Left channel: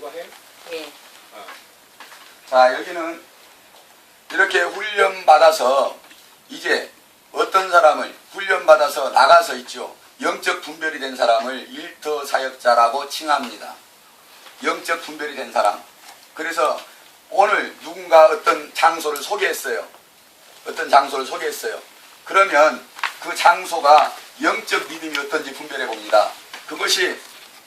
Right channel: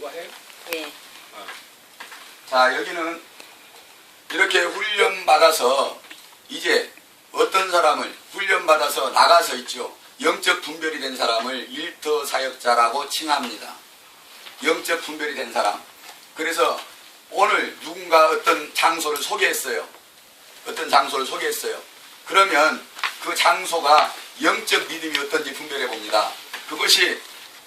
누가 해? 예. 자, 여기는 이렇게 훈련받아서 이제 어떤 사람을 훈련받아서 나가서 있죠. 영적 분별이 된 사람을 일터 사역자라고 칭합니다. 영적 분별이 된 사람. 그래서 오늘 누군가 어떤 장소를 소개했어요. 어떤 장소를 소개했어요. 그러면 그 장소가 영적 믿음이 어떤지 분별해 봅니다. 그것이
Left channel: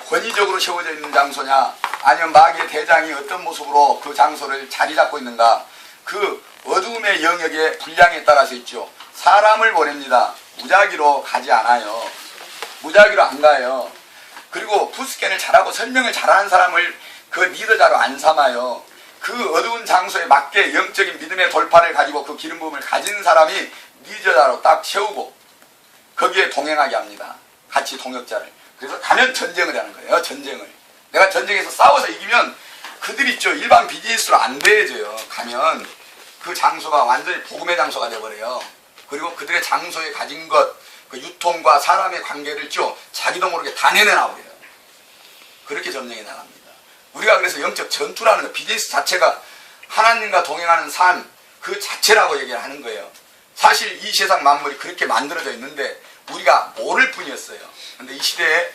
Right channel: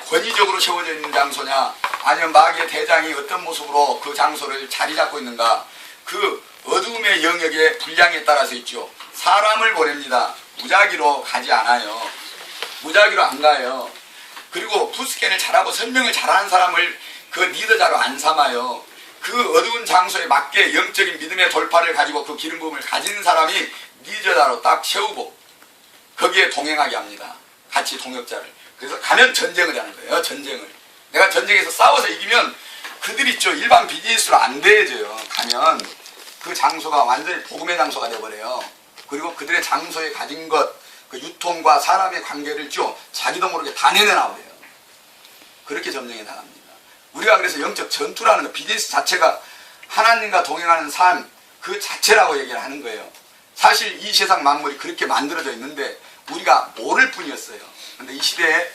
권위적으로 세워져 있는 장소냐, 아니면 마귀의 대장이 어떤 모습으로 그 장소를 자리 잡고 있는가, 그 어둠의 영역의 분량에 따라서 있죠. 사람을 보냅니다. 무작위로 가지 않아요. 무작위로 안 가요. 그리고 푸스캔을 잘하고 설명을 잘하는 사람을 그 리더자로 안 삼아요. 그 어두운 장소에 맞게 영적인 믿음의 돌파를 가지고 그 기름 부음을 가진 사람이 리더자로 딱 세우고 거기에 동행하게 합니다. 같이 동역자를. 그래서 가면 전쟁을 하는 거예요. 전쟁을. 내가 전쟁에서 싸워서 이기면 그들 있죠. 일반 비즈니스로 안 대해져요. 가면 그 장소가 완전히 복음의 장소가 되어버려요. 그리고 그들의 장소에 가진 것, 그 유통과 사람의 관계를 쭉 자기도 모르게 다 내내나버려요. 그렇게 점령해 나갑니다. 우리가 그래서 영적 전투라는 거, 비즈니스 자체가 하나님과 동행하는 삶 그 자체라고 얘기를 하는 거예요. 사실 이 세상 만물이 그렇게 만들어져 있는데 우리가 모를 뿐이었어요. 근데 이 시대에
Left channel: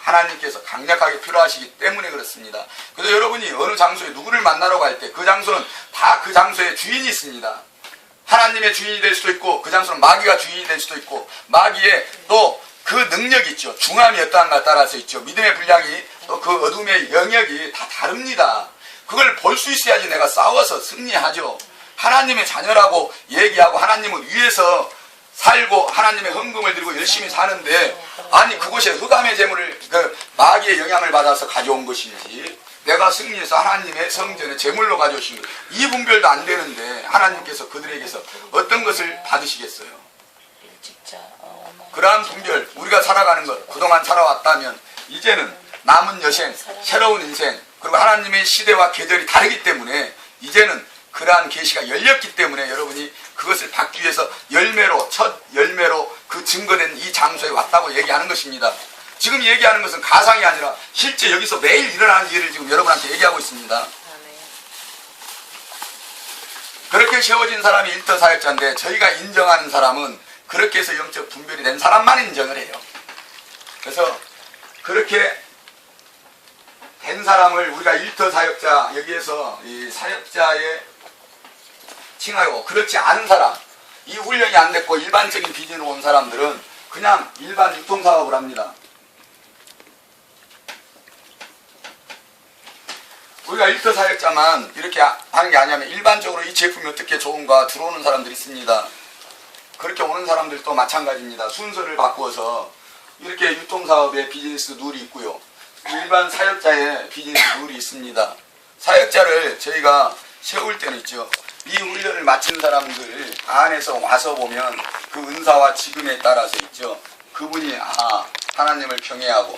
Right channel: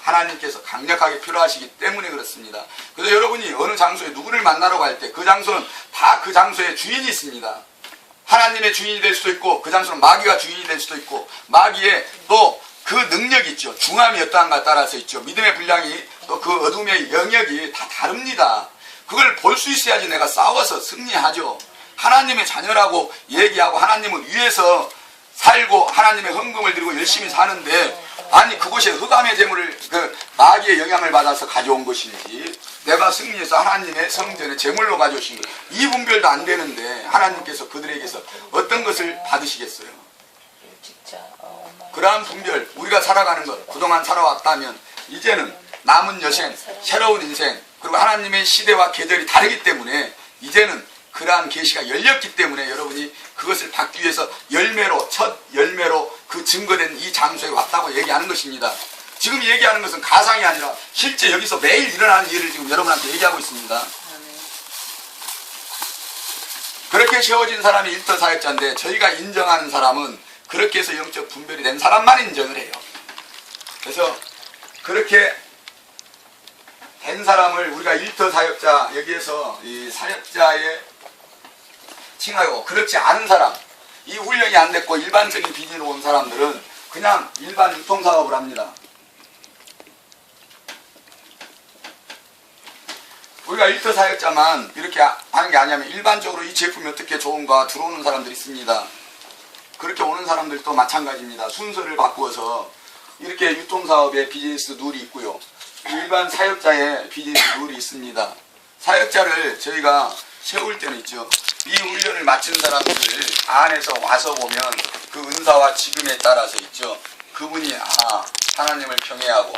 하나님께서 강력하게 필요하시기 때문에 그렇습니다. 그래서 여러분이 어느 장소에 누구를 만나러 갈 때 그 장소는 다 그 장소에 주인이 있습니다. 하나님의 주인이 될 수도 있고 그 장소는 마귀가 주인이 될 수도 있고 마귀의 또 그 능력이 있죠. 중함이 어떠한가 따라서 있죠. 믿음의 분량이 또 그 어둠의 영역이 다 다릅니다. 그걸 볼 수 있어야지 내가 싸워서 승리하죠. 하나님의 자녀라고 얘기하고 하나님을 위해서 살고 하나님의 헌금을 드리고 열심히 사는데 아니 그곳에 흑암의 재물을 그 마귀의 영향을 받아서 가져온 것인지 내가 승리해서 하나님의 성전에 재물로 가져오신 것 이 분별도 안 되는데 하나님께서 그들에게서 어떤 것을 받으시겠어요? 그러한 분별 우리가 살아가는 것 그동안 살아왔다면 이제는 남은 여생 새로운 인생 그리고 하나님의 시대와 계절이 다르기 때문에 이제는 그러한 계시가 열렸기 때문에 여러분이 그것을 받기 위해서 열매로 첫 열매로 그 증거된 이 장소에 왔다고 얘기하는 것입니다. 지금 얘기하는 것은 가상이 아니라 실제 여기서 매일 일어나는 일을 지금 여러분한테 얘기하고 있습니다. 그렇게 세워진 사람이 일터 사역자인데 저희가 인정하는 사람은 그렇게 해서 영적 분별이 된 사람만 인정을 해요. 그래서 그렇게 된 사람을 우리가 일터 사역자 여기에서 이 사역자의 칭하고 그렇지 않은 사람 이 훈련이 안 됐고 일반적인 비즈니스로 온 사람들은 그냥 일반 유통사업을 합니다. 우리가 일터 사역자만 이렇게 하는 게 아니냐면 일반적으로 이 제품이 어떻게 좋은가 들어오는 사람들이 있습니다. 그렇게 오는 사람들도 마찬가지입니다. 순서를 바꾸어서 이렇게 유통사업의 비즈니스 룰이 있고요. 일반 사역자의 비즈니스 룰이 있습니다. 사역자를 저희가 세울 때는 있죠. 이 훈련을 마친 사람들 안에서 와서 보면 그 은사와 지금에 따라서 있죠. 그분이 하나님을 경외하고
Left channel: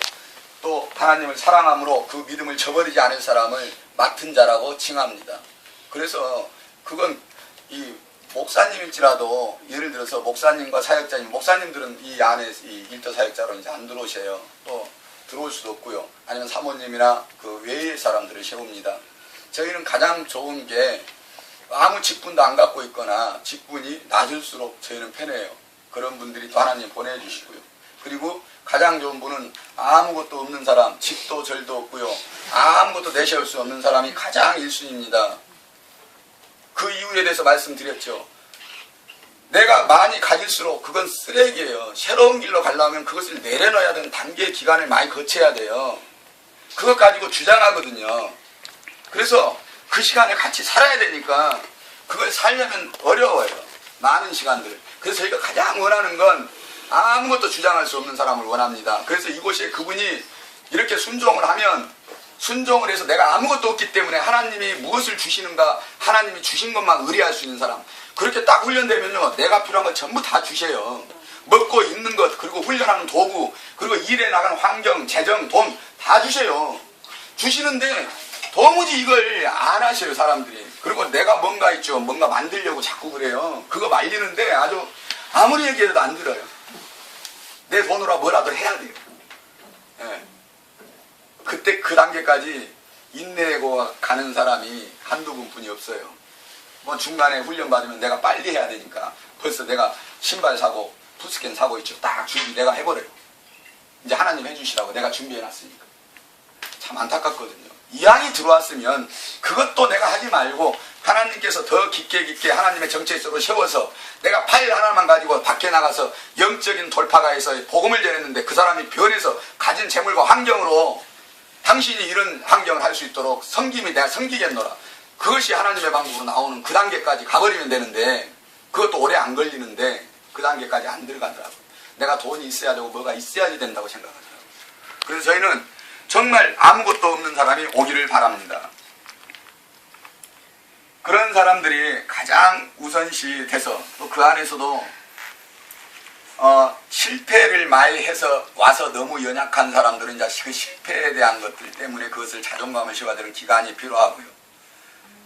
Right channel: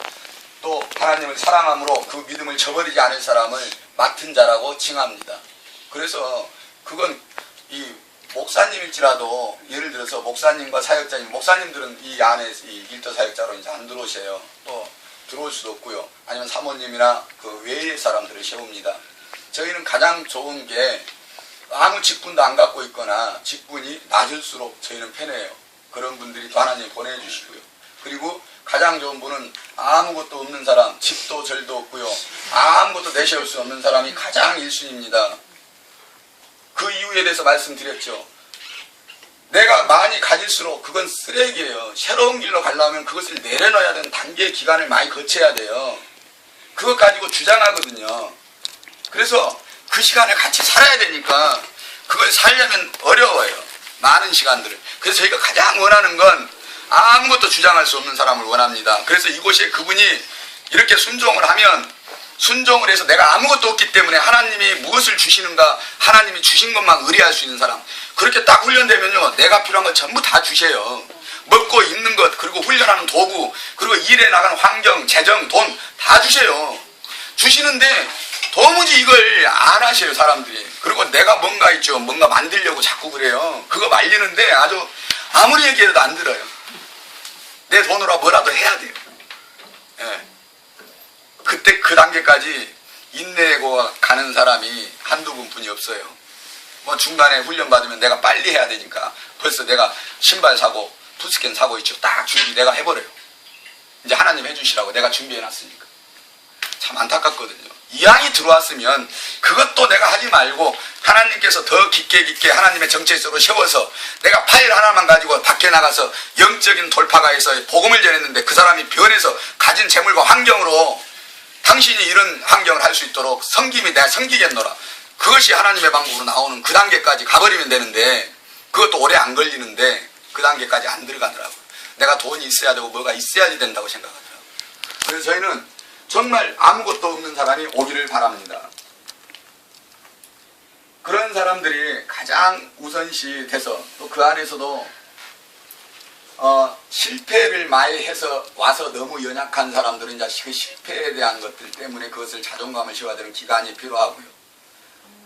또 하나님을 사랑함으로 그 믿음을 저버리지 않을 사람을 맡은 자라고 칭합니다. 그래서 그건 이 목사님일지라도 예를 들어서 목사님과 사역자님, 목사님들은 이 안에 이 일터 사역자로 이제 안 들어오세요. 또 들어올 수도 없고요. 아니면 사모님이나 그 외의 사람들을 세웁니다. 저희는 가장 좋은 게 아무 직분도 안 갖고 있거나 직분이 낮을수록 저희는 편해요. 그런 분들이 또 하나님 보내주시고요. 그리고 가장 좋은 분은 아무것도 없는 사람, 집도 절도 없고요. 아무것도 내세울 수 없는 사람이 가장 1순위입니다. 그 이유에 대해서 말씀드렸죠. 내가 많이 가질수록 그건 쓰레기예요. 새로운 길로 가려면 그것을 내려놔야 되는 단계 기간을 많이 거쳐야 돼요. 그것 가지고 주장하거든요. 그래서 그 시간을 같이 살아야 되니까 그걸 살려면 어려워요. 많은 시간들을. 그래서 저희가 가장 원하는 건 아무것도 주장할 수 없는 사람을 원합니다. 그래서 이곳에 그분이 이렇게 순종을 하면 순종을 해서 내가 아무것도 없기 때문에 하나님이 무엇을 주시는가 하나님이 주신 것만 의뢰할 수 있는 사람 그렇게 딱 훈련되면요 내가 필요한 걸 전부 다 주세요. 먹고 입는 것 그리고 훈련하는 도구 그리고 일에 나가는 환경 재정 돈 다 주세요. 주시는데 도무지 이걸 안 하셔요 사람들이. 그리고 내가 뭔가 있죠 뭔가 만들려고 자꾸 그래요. 그거 말리는데 아주 아무리 얘기해도 안 들어요. 내 돈으로 뭐라도 해야 돼요. 예. 그때 그 단계까지 인내고 가는 사람이 한두 분뿐이 없어요. 뭐 중간에 훈련 받으면 내가 빨리 해야 되니까 벌써 내가 신발 사고 푸스캔 사고 있죠. 딱 준비 내가 해버려요. 이제 하나님 해주시라고 내가 준비해놨으니까. 참 안타깝거든요. 이왕이 들어왔으면 그것도 내가 하지 말고 하나님께서 더 깊게 하나님의 정체성으로 세워서 내가 파일 하나만 가지고 밖에 나가서 영적인 돌파가 해서 복음을 전했는데 그 사람이 변해서 가진 재물과 환경으로 당신이 이런 환경을 할 수 있도록 섬김이 내가 섬기겠노라. 그것이 하나님의 방법으로 나오는 그 단계까지 가버리면 되는데 그것도 오래 안 걸리는데 그 단계까지 안 들어가더라고요. 내가 돈이 있어야 되고 뭐가 있어야지 된다고 생각하더라고요. 그래서 저희는 정말 아무것도 없는 사람이 오기를 바랍니다. 그런 사람들이 가장 우선시 돼서 또 그 안에서도 실패를 많이 해서 와서 너무 연약한 사람들은 이제 그 실패에 대한 것들 때문에 그것을 자존감을 씌워야 되는 기간이 필요하고요.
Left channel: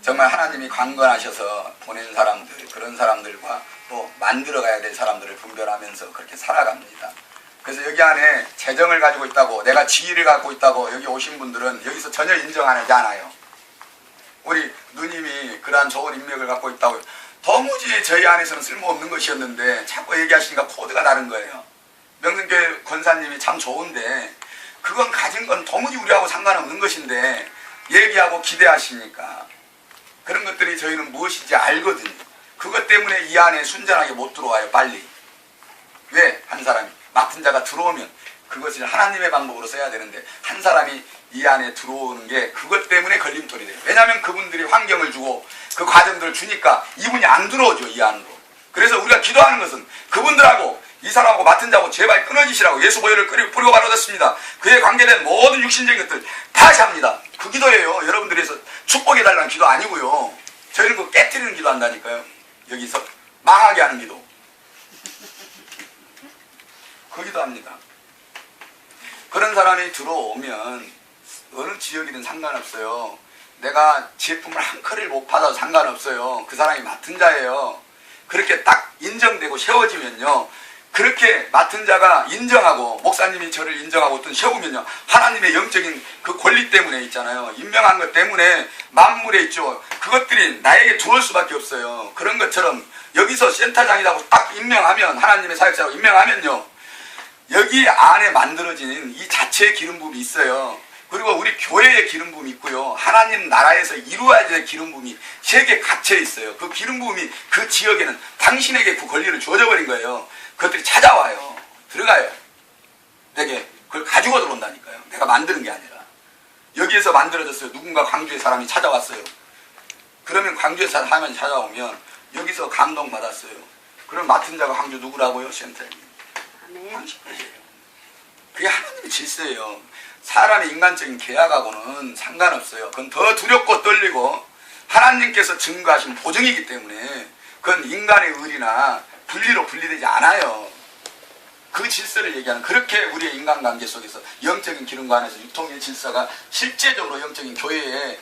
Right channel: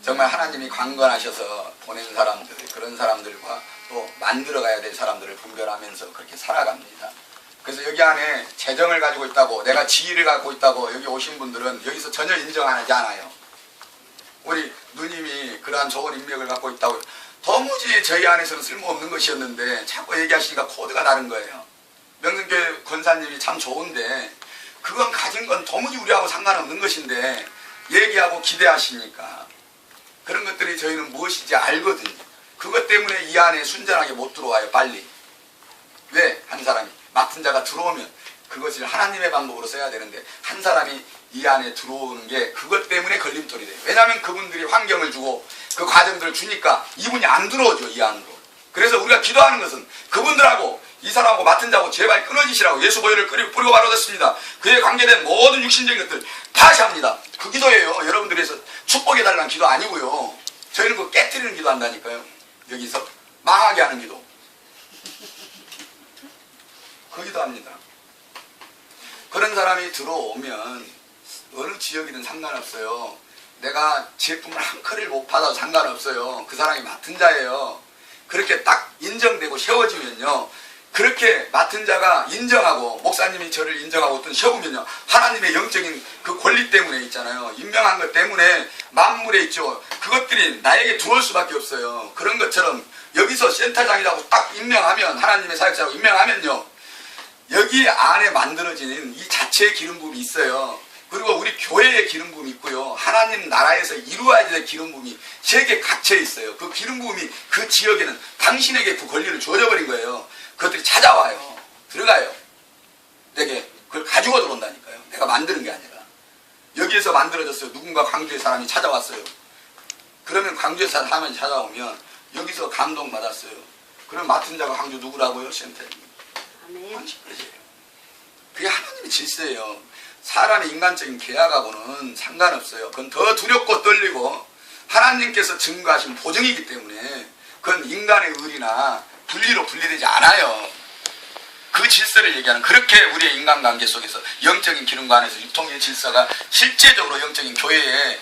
정말 하나님이 강건하셔서 보낸 사람들, 그런 사람들과 또 만들어가야 될 사람들을 분별하면서 그렇게 살아갑니다. 그래서 여기 안에 재정을 가지고 있다고, 내가 지위를 갖고 있다고 여기 오신 분들은 여기서 전혀 인정하지 않아요. 우리 누님이 그러한 좋은 인맥을 갖고 있다고 도무지 저희 안에서는 쓸모없는 것이었는데 자꾸 얘기하시니까 코드가 다른 거예요. 명성교회 권사님이 참 좋은데 그건 가진 건 도무지 우리하고 상관없는 것인데 얘기하고 기대하시니까 그런 것들이 저희는 무엇인지 알거든요. 그것 때문에 이 안에 순전하게 못 들어와요. 빨리. 왜? 한 사람이 맡은 자가 들어오면 그것을 하나님의 방법으로 써야 되는데 한 사람이 이 안에 들어오는 게 그것 때문에 걸림돌이 돼요. 왜냐하면 그분들이 환경을 주고 그 과정들을 주니까 이분이 안 들어오죠. 이 안으로. 그래서 우리가 기도하는 것은 그분들하고 이 사람하고 맡은 자하고 제발 끊어지시라고 예수 보혈을 뿌리고 바로졌습니다. 그에 관계된 모든 육신적인 것들 다시 합니다. 그 기도예요. 여러분들에서 축복해달라는 기도 아니고요. 저희는 그 깨뜨리는 기도 한다니까요. 여기서 망하게 하는 기도. 그 기도합니다. 그런 사람이 들어오면 어느 지역이든 상관없어요. 내가 제품을 한 컬을 못 받아도 상관없어요. 그 사람이 맡은 자예요. 그렇게 딱 인정되고 세워지면요. 그렇게 맡은 자가 인정하고 목사님이 저를 인정하고 어떤 세우면요. 하나님의 영적인 그 권리 때문에 있잖아요. 임명한 것 때문에 만물에 있죠. 그것들이 나에게 들어올 수밖에 없어요. 그런 것처럼 여기서 센터장이라고 딱 임명하면 하나님의 사역자라고 임명하면요. 여기 안에 만들어지는 이 자체의 기름 부음이 있어요. 그리고 우리 교회의 기름 부음이 있고요. 하나님 나라에서 이루어야 될 기름 부음이 세계에 갇혀 있어요. 그 기름 부음이 그 지역에는 당신에게 그 권리를 주어져 버린 거예요. 그것들이 찾아와요. 들어가요. 내게 그걸 가지고 들어온다니까요. 내가 만드는 게 아니라. 여기에서 만들어졌어요. 누군가 광주의 사람이 찾아왔어요. 그러면 광주의 사람이 찾아오면 여기서 감동받았어요. 그럼 맡은 자가 광주 누구라고요? 센터장님. 당신이에요. 그게 하나님의 질서예요. 사람의 인간적인 계약하고는 상관없어요. 그건 더 두렵고 떨리고 하나님께서 증거하신 보증이기 때문에 그건 인간의 의리나 분리로 분리되지 않아요. 그 질서를 얘기하는 그렇게 우리의 인간관계 속에서 영적인 기름과 안에서 유통의 질서가 실제적으로 영적인 교회에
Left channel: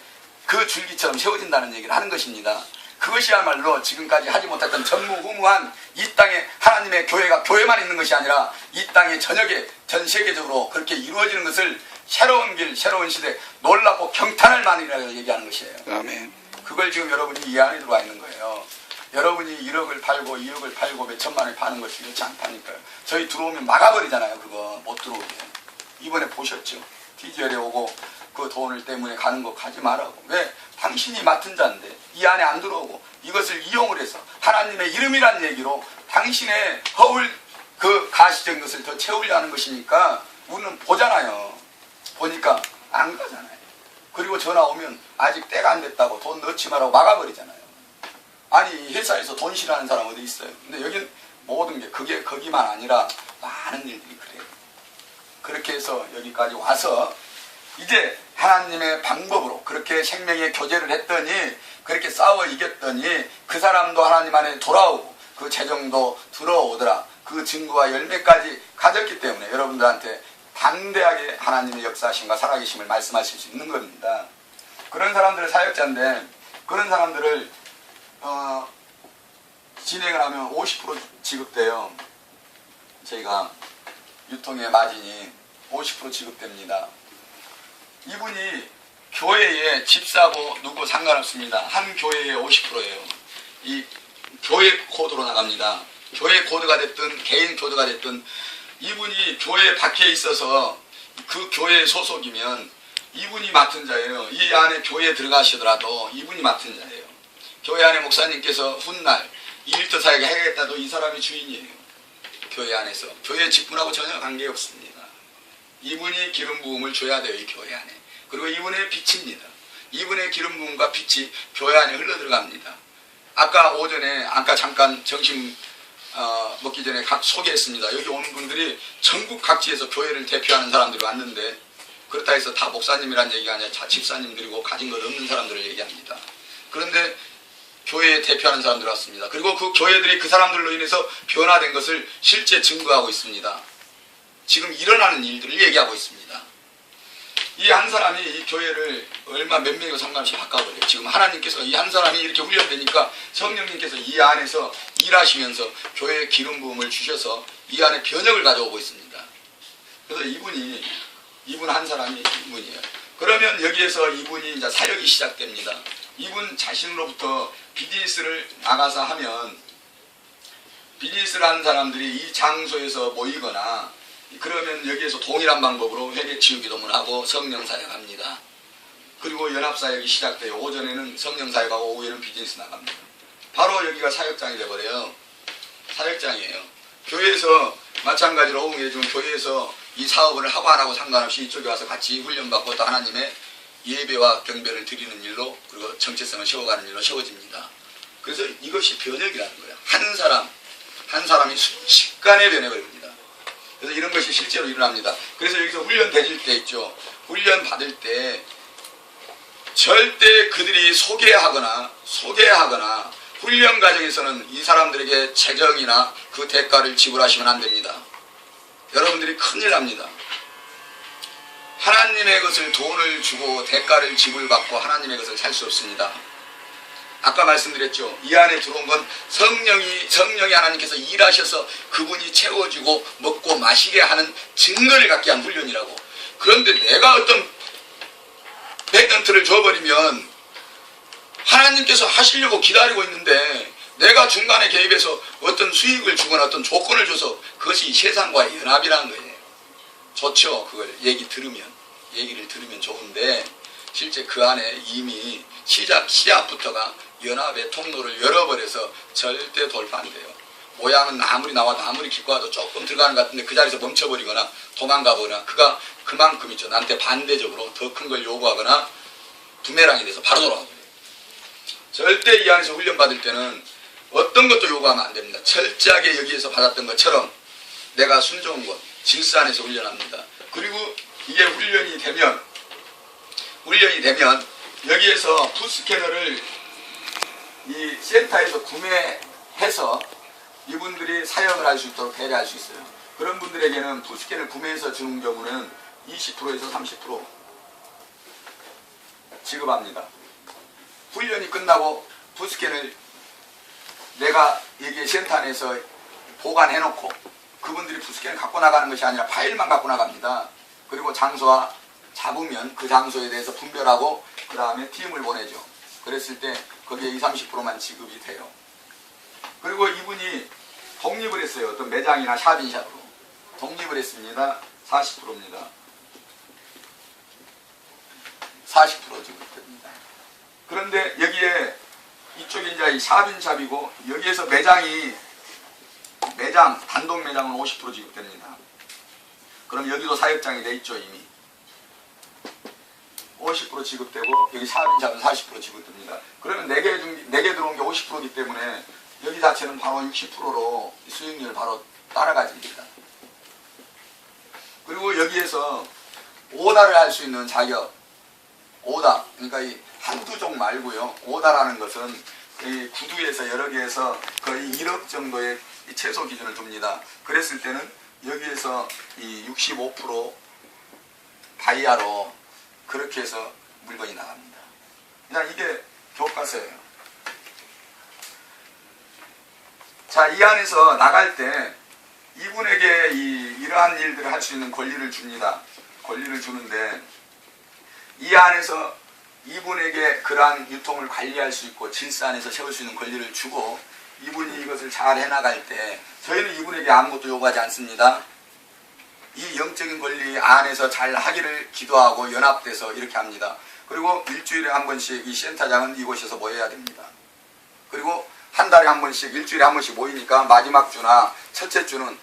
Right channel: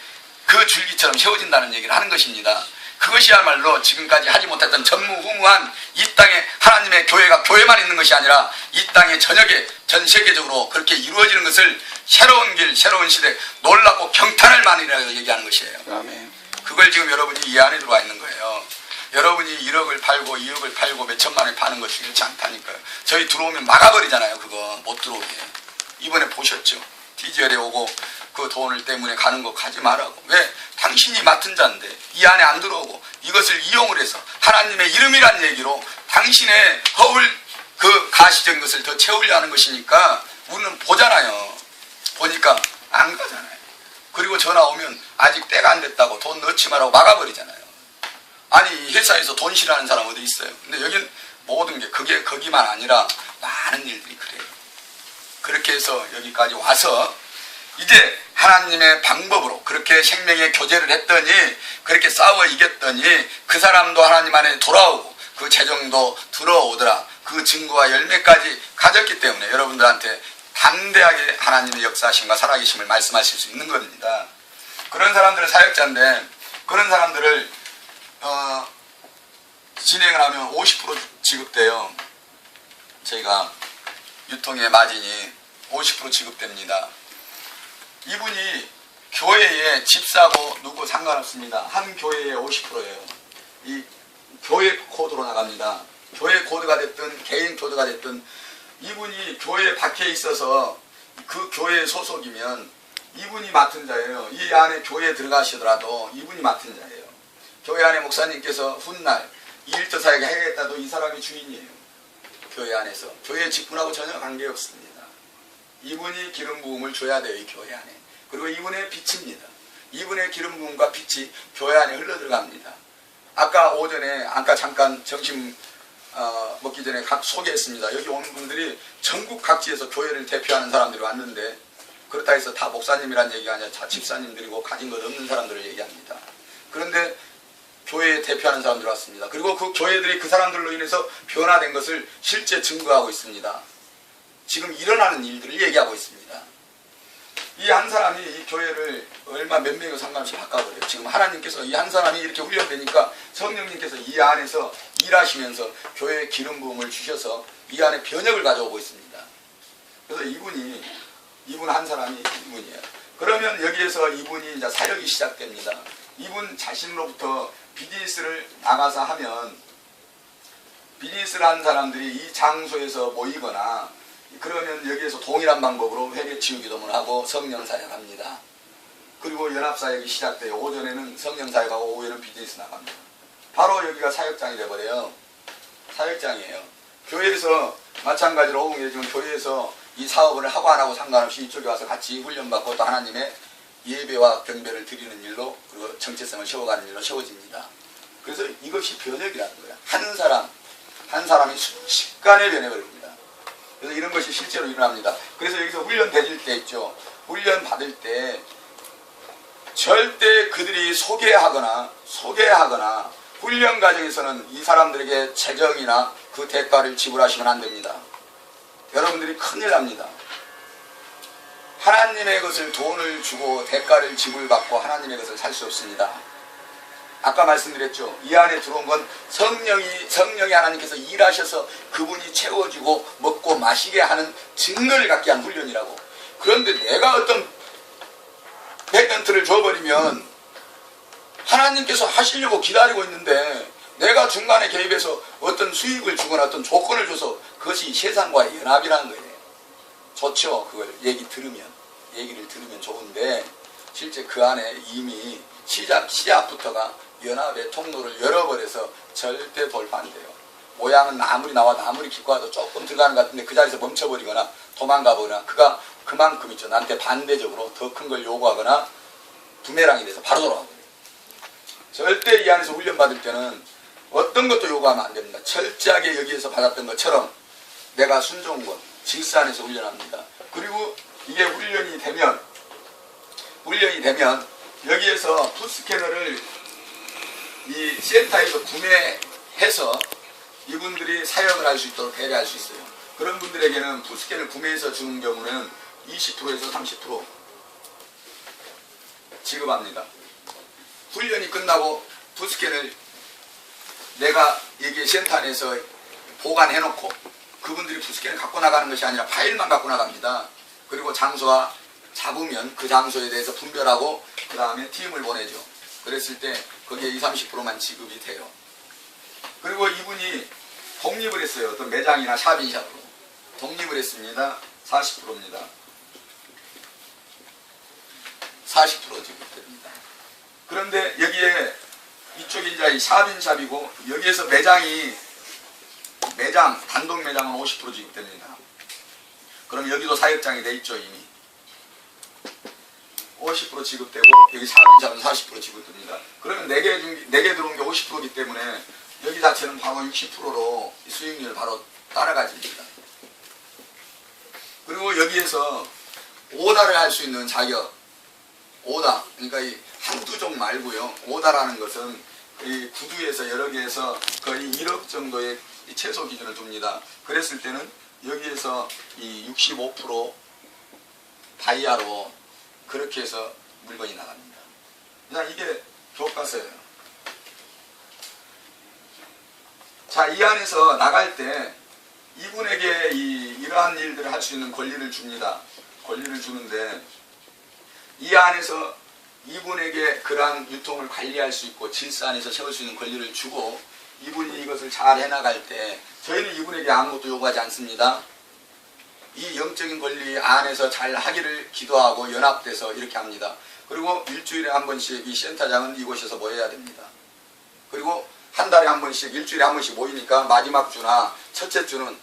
그 줄기처럼 세워진다는 얘기를 하는 것입니다. 그것이야말로 지금까지 하지 못했던 전무후무한 이 땅에 하나님의 교회가 교회만 있는 것이 아니라 이 땅의 저녁에 전 세계적으로 그렇게 이루어지는 것을 새로운 길, 새로운 시대, 놀랍고 경탄할 만이라고 얘기하는 것이에요. 아멘. 그걸 지금 여러분이 이 안에 들어와 있는 거예요. 여러분이 1억을 팔고 2억을 팔고 몇 천만을 파는 것 중요치 않다니까요. 저희 들어오면 막아버리잖아요. 그거 못 들어오게. 이번에 보셨죠? TGL에 오고 그 돈을 때문에 가는 거 가지 말라고. 왜? 당신이 맡은 자인데 이 안에 안 들어오고 이것을 이용을 해서 하나님의 이름이란 얘기로 당신의 허울 그 가시적인 것을 더 채우려 하는 것이니까 우리는 보잖아요. 보니까 안 가잖아요. 그리고 전화 오면 아직 때가 안 됐다고 돈 넣지 말라고 막아버리잖아요. 아니 회사에서 돈 싫어하는 사람 어디 있어요? 근데 여긴 모든 게 그게 거기만 아니라 많은 일들이 그래요. 그렇게 해서 여기까지 와서 이제 하나님의 방법으로 그렇게 생명의 교제를 했더니 그렇게 싸워 이겼더니 그 사람도 하나님 안에 돌아오고 그 재정도 들어오더라. 그 증거와 열매까지 가졌기 때문에 여러분들한테 담대하게 하나님의 역사하심과 살아계심을 말씀하실 수 있는 겁니다. 그런 사람들은 사역자인데 그런 사람들을 진행을 하면 50% 지급돼요. 저희가 유통의 마진이 50% 지급됩니다. 이분이 교회에 집사고 누구 상관없습니다. 한 교회에 50%예요. 이 교회 코드로 나갑니다. 교회 코드가 됐든 개인 코드가 됐든 이분이 교회 밖에 있어서 그 교회 소속이면 이분이 맡은 자예요. 이 안에 교회에 들어가시더라도 이분이 맡은 자예요. 교회 안에 목사님께서 훗날 이 일터 사역을 해야겠다도 이 사람이 주인이에요. 교회 안에서. 교회 직분하고 전혀 관계없습니다. 이분이 기름 부음을 줘야 돼요. 이 교회 안에. 그리고 이분의 빛입니다. 이분의 기름 부음과 빛이 교회 안에 흘러 들어갑니다. 아까 오전에 잠깐 점심 먹기 전에 소개했습니다. 여기 오는 분들이 전국 각지에서 교회를 대표하는 사람들이 왔는데 그렇다 해서 다 목사님이란 얘기가 아니라 다 집사님들이고 가진 것 없는 사람들을 얘기합니다. 그런데 교회에 대표하는 사람들이 왔습니다. 그리고 그 교회들이 그 사람들로 인해서 변화된 것을 실제 증거하고 있습니다. 지금 일어나는 일들을 얘기하고 있습니다. 이 한 사람이 이 교회를 얼마 몇 명이고 상관없이 바꿔버려요. 지금 하나님께서 이 한 사람이 이렇게 훈련되니까 성령님께서 이 안에서 일하시면서 교회에 기름 부음을 주셔서 이 안에 변혁을 가져오고 있습니다. 그래서 이분 한 사람이 이분이에요. 그러면 여기에서 이분이 이제 사역이 시작됩니다. 이분 자신으로부터 비즈니스를 나가서 하면 비즈니스를 하는 사람들이 이 장소에서 모이거나 그러면 여기에서 동일한 방법으로 회개치유기도문을 하고 성령사역합니다. 그리고 연합사역이 시작돼요. 오전에는 성령사역하고 오후에는 비즈니스 나갑니다. 바로 여기가 사역장이 돼버려요. 사역장이에요. 교회에서 마찬가지로 오후에 교회에서 이 사업을 하고 안 하고 상관없이 이쪽에 와서 같이 훈련받고 또 하나님의 예배와 경배를 드리는 일로 그리고 정체성을 세워가는 일로 세워집니다. 그래서 이것이 변혁이라는 거예요. 한 사람이 순식간에 변해버립니다. 그래서 이런 것이 실제로 일어납니다. 그래서 여기서 훈련 되실 때 있죠. 훈련 받을 때 절대 그들이 소개하거나 훈련 과정에서는 이 사람들에게 재정이나 그 대가를 지불하시면 안 됩니다. 여러분들이 큰일 납니다. 하나님의 것을 돈을 주고 대가를 지불받고 하나님의 것을 살 수 없습니다. 아까 말씀드렸죠. 이 안에 들어온 건 성령이 하나님께서 일하셔서 그분이 채워주고 먹고 마시게 하는 증거를 갖게 한 훈련이라고. 그런데 내가 어떤 100%를 줘버리면 하나님께서 하시려고 기다리고 있는데 내가 중간에 개입해서 어떤 수익을 주거나 어떤 조건을 줘서 그것이 세상과의 연합이라는 거예요. 좋죠. 그걸 얘기를 들으면 좋은데 실제 그 안에 이미 시작부터가 연합의 통로를 열어버려서 절대 돌파 안 돼요. 모양은 아무리 나와도 아무리 깊고 와도 조금 들어가는 것 같은데 그 자리에서 멈춰버리거나 도망가거나 그가 그만큼 있죠. 나한테 반대적으로 더 큰 걸 요구하거나 두메랑이 돼서 바로 돌아가버려요. 절대 이 안에서 훈련받을 때는 어떤 것도 요구하면 안 됩니다. 철저하게 여기에서 받았던 것처럼 내가 순종한 것, 질서 안에서 훈련합니다. 그리고 이게 훈련이 되면 여기에서 푸스캐너를 이 센터에서 구매해서 이분들이 사역을 할 수 있도록 배려할 수 있어요. 그런 분들에게는 푸스캐너를 구매해서 주는 경우는 20%에서 30% 지급합니다. 훈련이 끝나고 푸스캐너를 내가 여기 센터 안에서 보관해놓고 그분들이 푸스캐너를 갖고 나가는 것이 아니라 파일만 갖고 나갑니다. 그리고 장소와 잡으면 그 장소에 대해서 분별하고 그 다음에 팀을 보내죠. 그랬을 때 거기에 20, 30%만 지급이 돼요. 그리고 이분이 독립을 했어요. 어떤 매장이나 샵인샵으로 독립을 했습니다. 40%입니다. 40% 지급됩니다. 그런데 여기에 이쪽이 이제 이 샵인샵이고 여기에서 단독 매장은 50% 지급됩니다. 그럼 여기도 사역장이 돼 있죠. 이미 50% 지급되고 여기 샵인샵은 40% 지급됩니다. 그러면 4개 들어온 게 50%이기 때문에 여기 자체는 바로 60%로 수익률 바로 따라가집니다. 그리고 여기에서 오다를 할 수 있는 자격, 오다, 그러니까 이 한두 종 말고요. 오다라는 것은 이 구두에서 여러 개에서 거의 1억 정도의 최소 기준을 둡니다. 그랬을 때는 여기에서 이 65% 다이아로 그렇게 해서 물건이 나갑니다. 그냥 이게 교과서예요. 자, 이 안에서 나갈 때 이분에게 이러한 일들을 할 수 있는 권리를 줍니다. 권리를 주는데 이 안에서 이분에게 그러한 유통을 관리할 수 있고 질서 안에서 세울 수 있는 권리를 주고 이분이 이것을 잘 해나갈 때 저희는 이분에게 아무것도 요구하지 않습니다. 이 영적인 권리 안에서 잘 하기를 기도하고 연합돼서 이렇게 합니다. 그리고 일주일에 한 번씩 이 센터장은 이곳에서 모여야 됩니다. 그리고 한 달에 한 번씩 일주일에 한 번씩 모이니까 마지막 주나 첫째 주는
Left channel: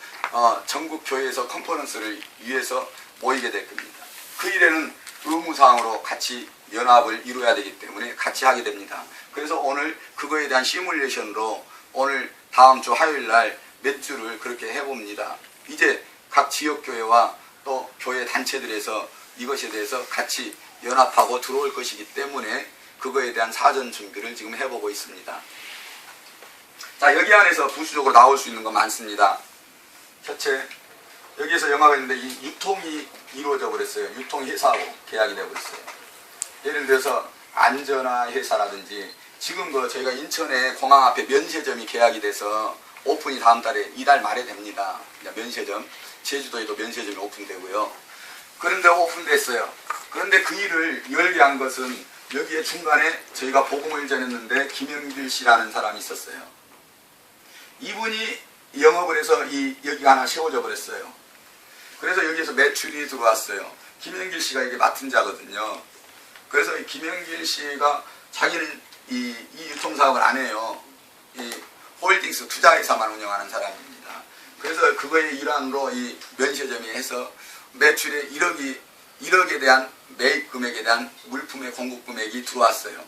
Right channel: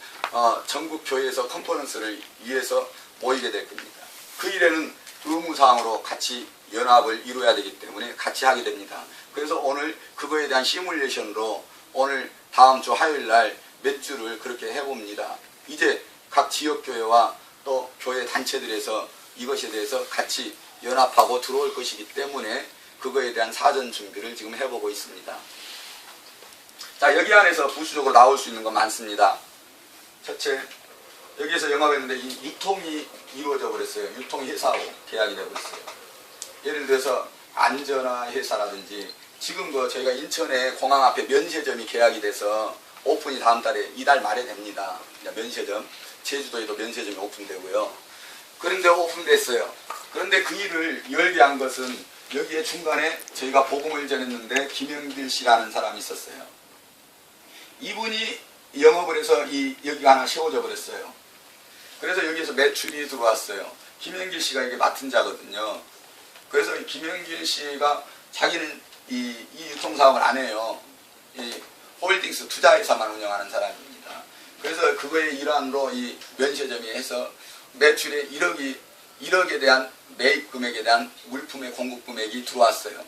전국 교회에서 컨퍼런스를 위해서 모이게 될 겁니다. 그 일에는 의무사항으로 같이 연합을 이루어야 되기 때문에 같이 하게 됩니다. 그래서 오늘 그거에 대한 시뮬레이션으로 오늘 다음 주 화요일 날 몇 주를 그렇게 해봅니다. 이제 각 지역교회와 또 교회 단체들에서 이것에 대해서 같이 연합하고 들어올 것이기 때문에 그거에 대한 사전 준비를 지금 해보고 있습니다. 자, 여기 안에서 부수적으로 나올 수 있는 거 많습니다. 첫째, 여기에서 영업했는데 이 유통이 이루어져 버렸어요. 유통회사하고 계약이 되어버렸어요. 예를 들어서 안전화회사라든지 지금 저희가 인천에 공항 앞에 면세점이 계약이 돼서 오픈이 다음 달에 이달 말에 됩니다. 면세점, 제주도에도 면세점이 오픈되고요. 그런데 오픈됐어요. 그런데 그 일을 열게 한 것은 여기에 중간에 저희가 복음을 전했는데 김영길 씨라는 사람이 있었어요. 이분이 영업을 해서 여기가 하나 세워져 버렸어요. 그래서 여기에서 매출이 들어왔어요. 김영길 씨가 이게 맡은 자거든요. 그래서 이 김영길 씨가 자기는 이 유통사업을 안 해요. 이 홀딩스 투자회사만 운영하는 사람입니다. 그래서 그거의 일환으로 이 면세점이 해서 매출의 1억에 대한 매입 금액에 대한 물품의 공급 금액이 들어왔어요.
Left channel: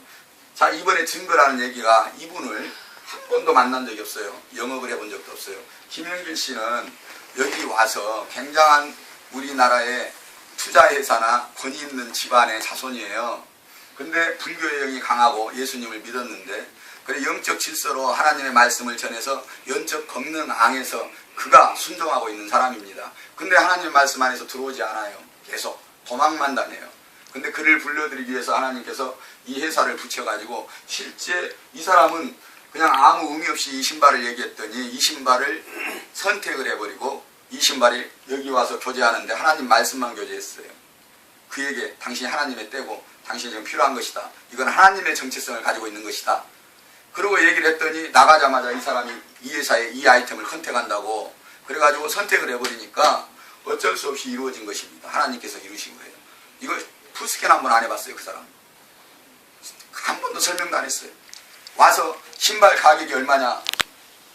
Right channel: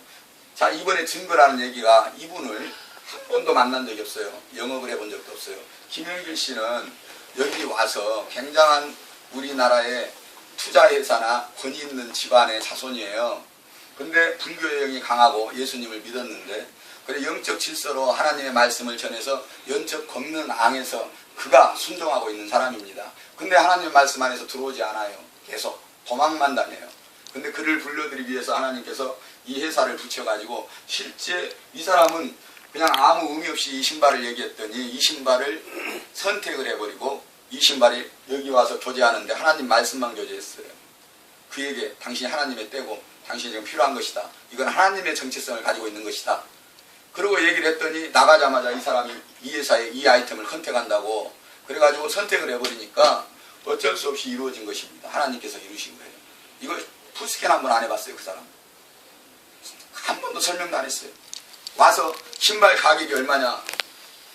자, 이번에 증거라는 얘기가 이분을 한 번도 만난 적이 없어요. 영업을 해본 적도 없어요. 김영길 씨는 여기 와서 굉장한 우리나라의 투자회사나 권위 있는 집안의 자손이에요. 근데 불교의 영이 강하고 예수님을 믿었는데 그래 영적 질서로 하나님의 말씀을 전해서 영적 걷는 앙에서 그가 순종하고 있는 사람입니다. 근데 하나님의 말씀 안에서 들어오지 않아요. 계속 도망만 다녀요. 근데 그를 불러들이기 위해서 하나님께서 이 회사를 붙여가지고 실제 이 사람은 그냥 아무 의미 없이 이 신발을 얘기했더니 이 신발을 선택을 해버리고 이 신발이 여기 와서 교제하는데 하나님 말씀만 교제했어요. 그에게 당신이 하나님의 때고 당신이 지금 필요한 것이다. 이건 하나님의 정체성을 가지고 있는 것이다. 그리고 얘기를 했더니 나가자마자 이 사람이 이 회사에 이 아이템을 선택한다고 그래가지고 선택을 해버리니까 어쩔 수 없이 이루어진 것입니다. 하나님께서 이루신 거예요. 이거 푸스캔 한번 안 해봤어요. 그 사람 한 번도 설명도 안 했어요. 와서 신발 가격이 얼마냐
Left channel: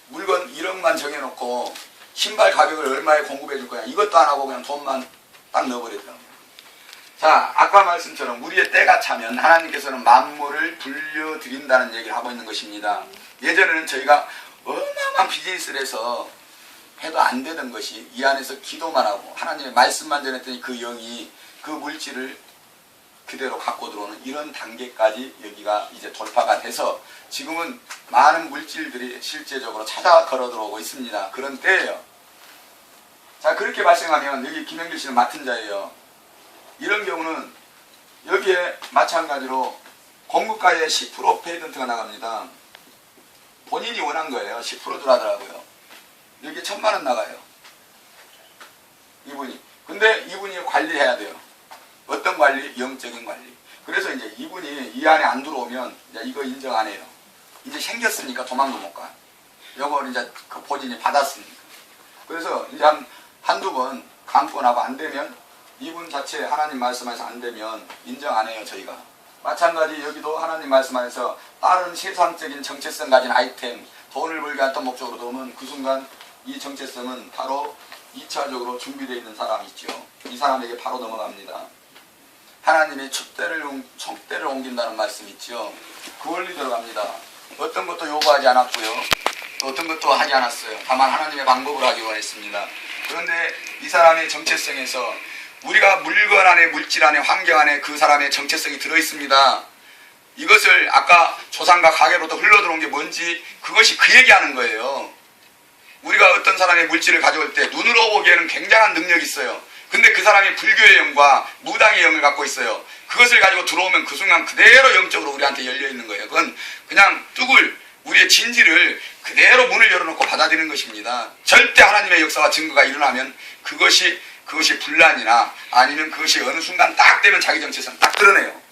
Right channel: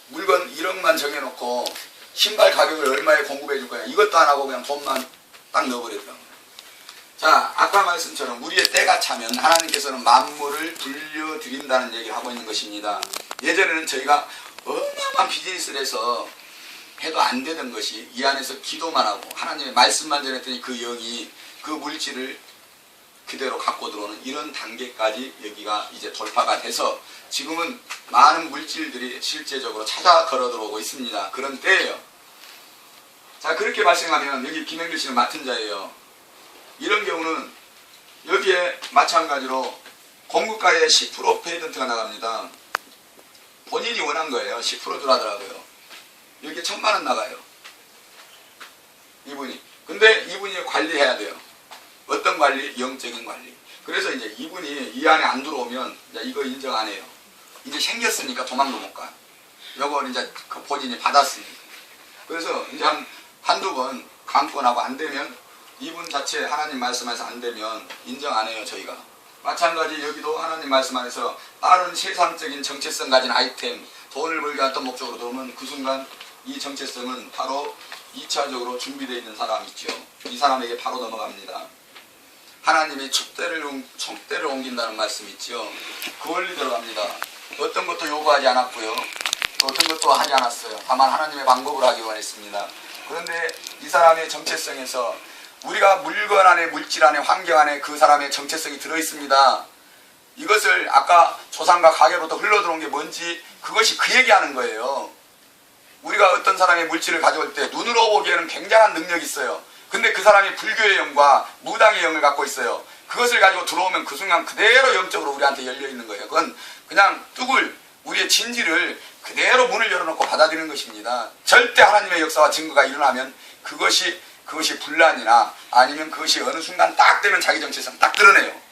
물건 1억만 정해놓고 신발 가격을 얼마에 공급해 줄 거냐 이것도 안 하고 그냥 돈만 딱 넣어버리더라고요. 자, 아까 말씀처럼 우리의 때가 차면 하나님께서는 만물을 불려드린다는 얘기를 하고 있는 것입니다. 예전에는 저희가 어마어마한 비즈니스를 해서 해도 안 되던 것이 이 안에서 기도만 하고 하나님의 말씀만 전했더니 그 영이 그 물질을 그대로 갖고 들어오는 이런 단계까지 여기가 이제 돌파가 돼서 지금은 많은 물질들이 실제적으로 찾아 걸어 들어오고 있습니다. 그런 때예요. 자, 그렇게 발생하면 여기 김영길 씨는 맡은 자예요. 이런 경우는 여기에 마찬가지로 공급가에 10% 페이던트가 나갑니다. 본인이 원한 거예요. 10% 들어가더라고요. 여기에 1,000만 원 나가요. 이분이. 근데 이분이 관리해야 돼요. 어떤 관리? 영적인 관리. 그래서 이제 이분이 이 안에 안 들어오면 이제 이거 인정 안 해요. 이제 생겼으니까 도망도 못 가. 요걸 이제 그 본인이 받았으니까. 그래서 이제 한두 번 강권하고 안 되면 이분 자체 하나님 말씀 안에서 안 되면 인정 안 해요. 저희가. 마찬가지 여기도 하나님 말씀 안에서 다른 세상적인 정체성 가진 아이템 돈을 벌게 했던 목적으로 들어오면 그 순간 이 정체성은 바로 2차적으로 준비되어 있는 사람 있죠. 이 사람에게 바로 넘어갑니다. 하나님이 촛대를 옮긴다는 말씀 있죠. 그 원리 들어갑니다. 어떤 것도 요구하지 않았고요. 어떤 것도 하지 않았어요. 다만 하나님의 방법을 하기 원했습니다. 그런데 이 사람의 정체성에서 우리가 물건 안에 물질 안에 환경 안에 그 사람의 정체성이 들어있습니다. 이것을 아까 조상과 가계로부터 흘러들어온 게 뭔지 그것이 그 얘기하는 거예요. 우리가 어떤 사람의 물질을 가져올 때 눈으로 보기에는 굉장한 능력이 있어요. 근데 그 사람이 불교의 영과 무당의 영을 갖고 있어요. 그것을 가지고 들어오면 그 순간 그대로 영적으로 우리한테 열려있는 거예요. 그건 그냥 뚝을 우리의 진지를 그대로 문을 열어놓고 받아들이는 것입니다. 절대 하나님의 역사와 증거가 일어나면 그것이 분란이나 아니면 그것이 어느 순간 딱 되면 자기 정체성 딱 드러내요.